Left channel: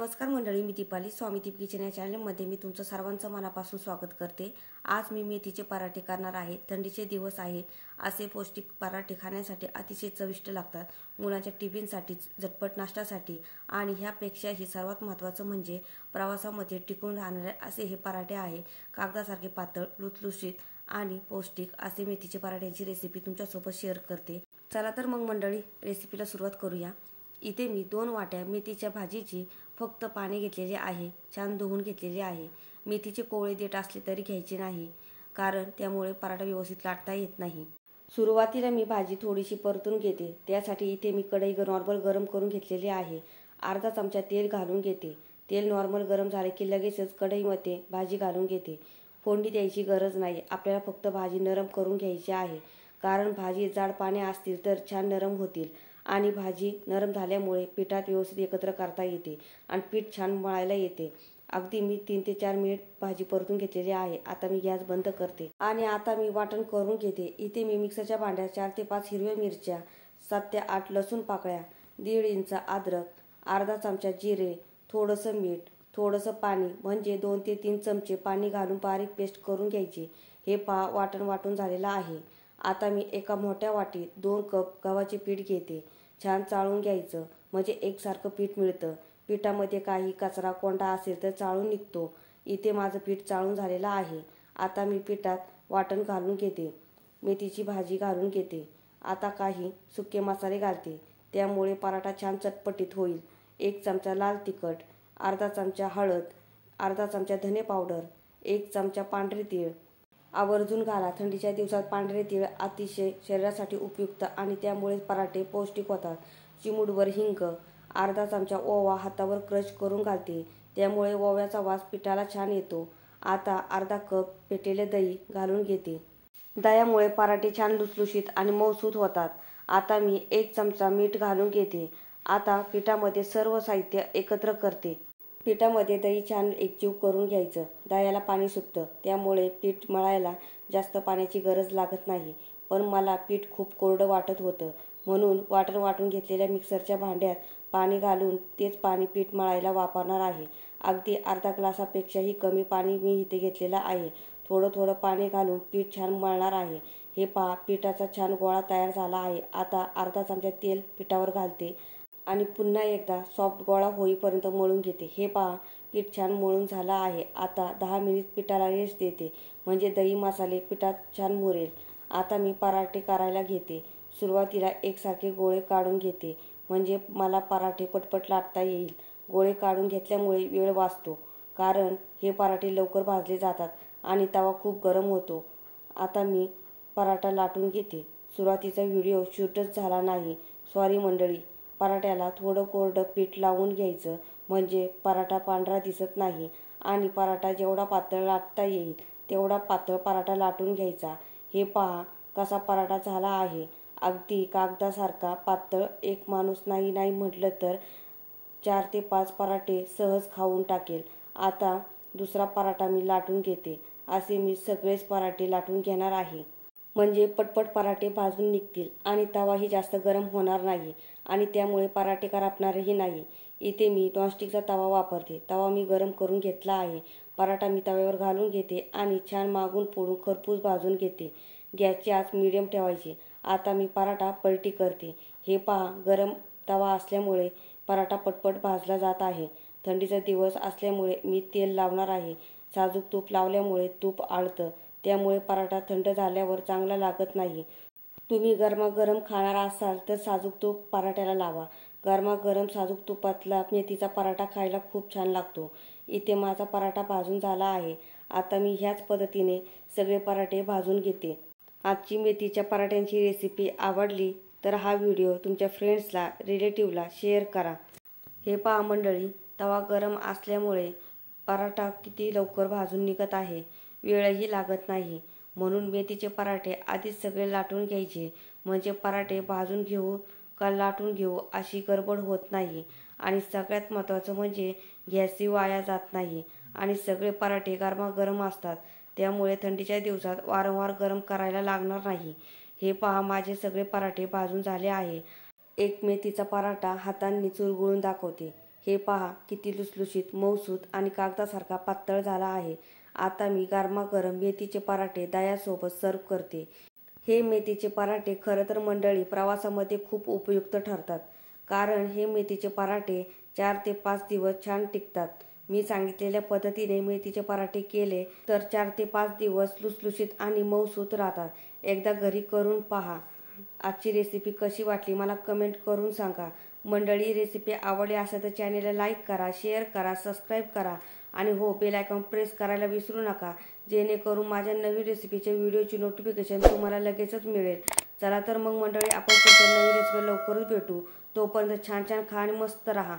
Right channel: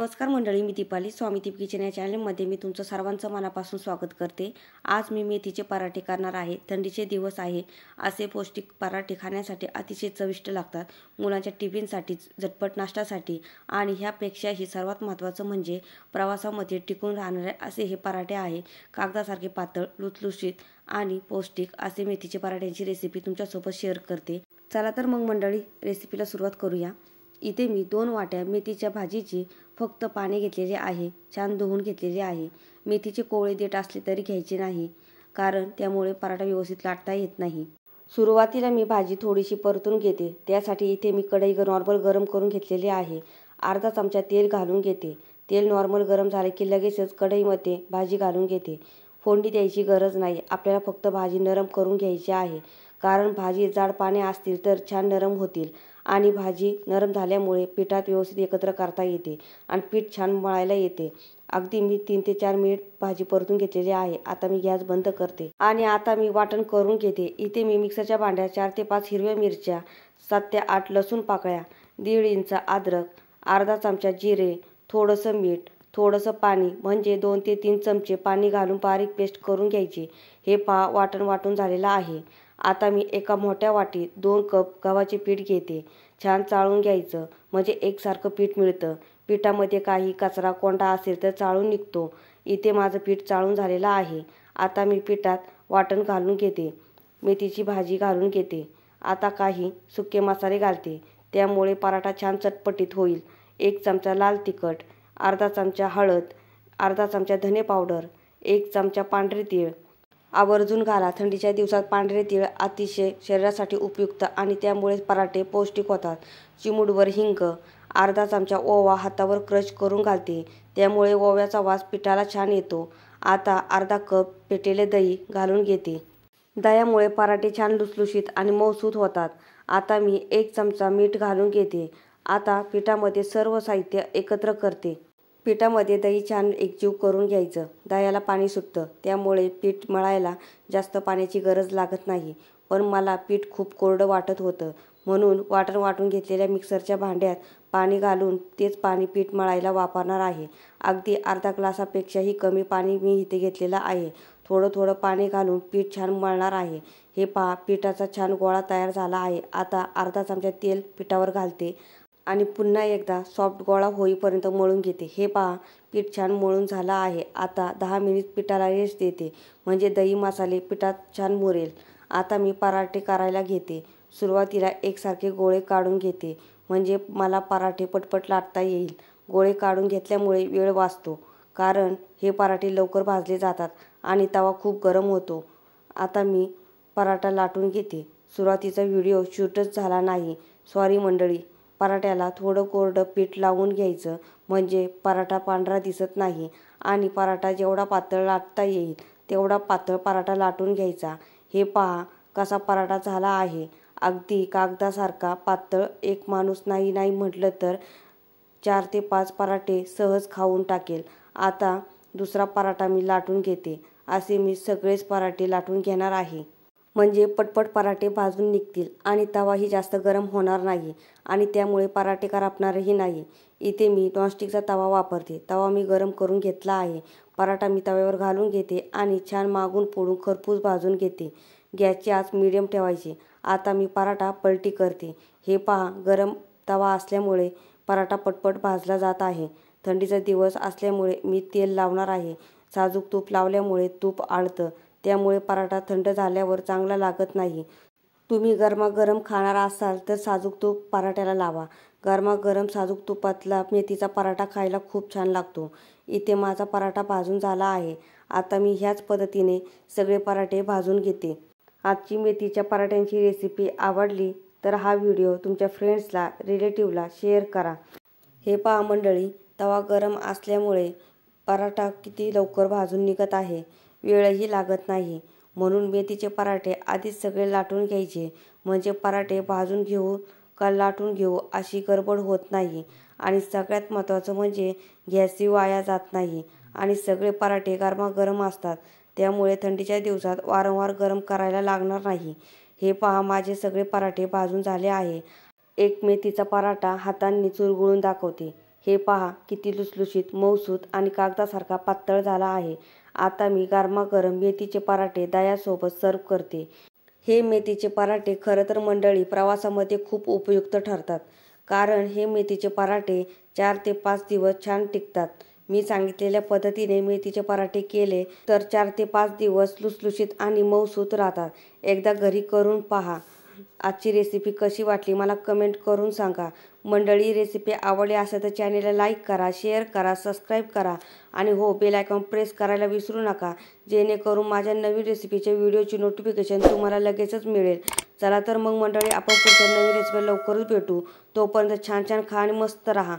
नमस्कार मंडळी, मी दीपाली स्वामी दीप किचन या चॅनलमध्ये मी तुमचं सर्वांचं मनापासून स्वागत करते। आज मी मेथीचे पराठे करणार आहे। थंडीचे दिवस आहे, असे पौष्टिक पराठे खाण्यासाठी अतिशय चविष्ट लागतात। मुलांच्या टिफिनसाठी, झटपट नाश्त्यासाठी आणि ह्यापेक्षाही सर्वात महत्त्वाचं म्हणजे प्रवासामध्ये टिकून राहणारे असे हे पराठे आहे। कागदासारखे पातळ, लुसलुशीत आणि पौष्टिक असे मेथीचे पराठ्यांची रेसिपी तुमच्यासोबत शेअर करते। चला तर मग मंडळी, रेसिपीला सुरुवात करूया। इथे मी 2 वाट्या मेथीच्या भाजीची फक्त पाणी घेतलेले आहे, छान धुवून घेतलेले आहे। मेथीचे कोवळे देठ असले तरी घ्यायचे नाही, कारण त्यामुळे पराठा व्यवस्थित लाटता येत नाही। सुरुवातीला मी भाजी थोडीशी परतून घेते। त्यासाठी इथे मी कढई नॉर्मल गरम करून घेतलेली आहे। अर्धा चमचा तेल घालून घेते। तेल नॉर्मल गरम झाले की लगेचच कढईमध्ये भाजी घालून घेते। फोडणी द्यायची गरज नाही, आपल्याला फक्त भाजी नरम करून घ्यायची आहे, कारण भाजी जाड पाने असतील तर छान नरम होतील आणि भाजी नरम झाल्यामुळे पिठात व्यवस्थित एकत्र करता येते आणि पीठ छान मळायला येते। अगदी मी 3 ते 4 मिनिट भाजी परतून घेतलेली आहे। आता मी गॅस बंद करते आणि आता मी वाटण करून घेते। इथे मी मिक्सरच्या भांड्यात 4 ते 5 हिरव्या मिरच्या, 7 ते 8 लसूण पाकळ्या, 1.5 इंच अद्रक, अर्धा चमचा जिरे, थोडंसं मीठ, थोडंसं पाणी म्हणजे 2 ते 3 चमचे पाणी घालून बारीक पेस्ट करून घ्यायची। हे पहा, वाटण वाटून झालेलं आहे। आता मी एका मोठ्या वाटीत 2 कप गव्हाचे पीठ घेते। छान चाळून घ्यायचं, म्हणजे एकसारखं पीठ मिळतं। पिठामध्ये काही कचरा कोंडा असेल तर चाळून निघतो। इथे माझं पीठ चाळून झालेलं आहे। आता मी पिठात वाटण घालून घेते, मेथीची भाजी घालून घेते। आता काही सुके मसाले घालते, त्यामुळे पराठा छान चटपटीत होईल। 1 चमचा लाल तिखट, अर्धा चमचा हळद, अर्धा चमचा धने पावडर, 1 चमचा पांढरे तीळ। आवर्जून घाला, थंडीच्या दिवसात पांढरे तीळ अतिशय शरीरासाठी उपयुक्त आणि त्यामुळे पराठे पौष्टिक होतात। चिमूटभर हिंग, अर्धा चमचा ओवा हातावर क्रश करून घालते, त्यामुळे ओव्याचा वास पिठाला छान येतो। आता अर्धा कप फेटलेले दही घालून घेते। दह्यामुळे पराठे छान लुसलुशीत आणि मऊसूत होतात। आता मी 1 चमचा मीठ घालून घेते। आता पिठामध्ये सर्व साहित्य एकत्र करते। पिठामध्ये दही छान एकजीव करून घ्यायचं। दह्याला पाणी सुटतं, त्यामुळे पीठ मळायला जास्त पाण्याची गरज लागत नाही। पण मला पीठ खूप कोरडं वाटत होतं, म्हणून वाटण वाटून घेतलेल्या मिक्सरच्या भांड्यात पाणी घालून तेच पाणी पीठ मळायला वापरणार आहे। अगदी अर्धा ग्लासापेक्षाही कमी पाणी मी इथे घेतलेलं आहे। थोडं थोडं पाणी घालून पीठ छान मळणार आहे। हे पहा, पिठाचा छान गोळा तयार झाला आहे। आता अर्धा चमचा तेल पिठावर घालते आणि पुन्हा एकदा सॉफ्ट गोळा होईपर्यंत मळून घेते। हे पहा, पीठ छान मळून झालं आहे। आता 10 मिनिट पिठाला रेस्ट देते, म्हणजे दही मसाले पिठात छान मुरेल। आता मी पराठे करायला घेते। सुरुवातीला एकसारखे गोळे काढून घेते, म्हणजे मला पराठे पटपट लाटता येईल। गोळे काढून घेतल्यामुळे वेळ वाचतो, कारण हे पराठे लवकर भाजले जातात आणि तवा खूप गरम होतो। आता मी पराठा लाटून घेते। सुरुवातीचा व्हिडिओ शूटच झाला नाही, सॉरी मंडळी। पराठ्याला थोडं कोरडं पीठ लावून घ्यायचं, म्हणजे पराठा पांढरा दिसत नाही आणि पराठा जेवढा पातळ लाटता येईल तेवढा पातळ पराठा लाटून घ्यायचा। हे पहा कसा पराठा झाला आहे, अगदी कागदासारखा पातळ। एक माणूस नाही म्हटलं तर 4 ते 5 पराठे सहज खाऊन टाकेल। आता दुसरा पराठा मी लाटून घेते। असे मी सगळेच पराठे लाटून घेणार आहे, म्हणजे पटपट पराठे भाजून निघतील आणि तवाही जास्त गरम होणार नाही आणि त्यामुळे पराठे करपणारही नाही। इथे मी नॉनस्टिकचा तवा वापरते। तवा मी गरम करून घेतला आहे। पराठा मी तव्यावर घालून घेते आणि छान मागून पुढून खरपूस भाजून घेते। गॅसची आच मीडियम ठेवायची। आता मी पराठा पलटी करते। हे पहा, गरम तवा असल्यामुळे पराठा पटपट भाजला जात आहे। थंडीचा दिवस असल्यामुळे मी तेल लावणार आहे। साजूक तूप लावल्यामुळे तूप आळतं, त्यामुळे पराठा थंड झाल्यावर चांगला लागत नाही। तुम्ही गरमागरम खाणार असाल तर साजूक तूप पराठ्याला लावा। गरमागरम साजूक तुपातला मेथीचा पराठा खायला खूप छान लागतो। इथे माझा पराठा भाजून झाला आहे। आता मी ह्याच पद्धतीने सगळे पराठे भाजून घेते। आजची मेथीच्या पराठ्यांची रेसिपी आवडली तर हा व्हिडिओ तुमच्या फ्रेंड्सला, रिलेटिव्हला शेअर करा। हे पहा मंडळी, तवा गरम असल्यामुळे पराठा किती लवकर भाजून निघत आहे, वेळही लागत नाही। म्हणून मेथीचे पराठे आधीच सगळे लाटून घ्यायचे, म्हणजे पराठे भाजून घेऊ का लाटून घेऊ अशी गडबड होत नाही। आणि सगळ्यात महत्त्वाचं म्हणजे गॅसही वाया जात नाही आणि सगळे पराठे गरमागरम असतात, त्यामुळे थंडीच्या दिवसात वारंवार गरम करायला लागणार नाही। हे पहा, माझे सगळे पराठे भाजून झाले आहे। एक मेथीचा पराठा हातांनी चुरगळून दाखवते। हे पहा किती लुसलुशीत, मऊसूत आणि कागदासारखा पातळ झाला आहे. आता मी गरमागरम मेथीचे पराठे दह्यासोबत सर्व करते. हे मेथीचे पराठे खरं तर मंडळी प्रवासामध्ये खूप उपयुक्त ठरतात. कारण हे मेथीचे पराठे 4 ते 5 दिवस छान टिकतात. मी सांगितलेल्या पद्धतीने मेथीचे पराठे केले तर 4 ते 5 दिवस लुसलुशीत आणि मऊसूत राहतात. एकदा घरी करून पहा. आजची रेसिपी कशी वाटली मला कमेंट करून सांगा. मंडळी, रेसिपी आवडली असेल तर चॅनेलला लाईक करा, शेअर करा, सबस्क्राईब करा आणि हो, बेल आयकॉन प्रेस करायला विसरू नका, जेणेकरून माझ्या नवीन रेसिपीच्या व्हिडिओची नोटिफिकेशन तुम्हाला लगेचच मिळेल. चला तर मग मंडळी, आपण पुढच्या नवीन रेसिपी लवकरच भेटू. तोपर्यंत छान छान खा आणि मस्त राहा.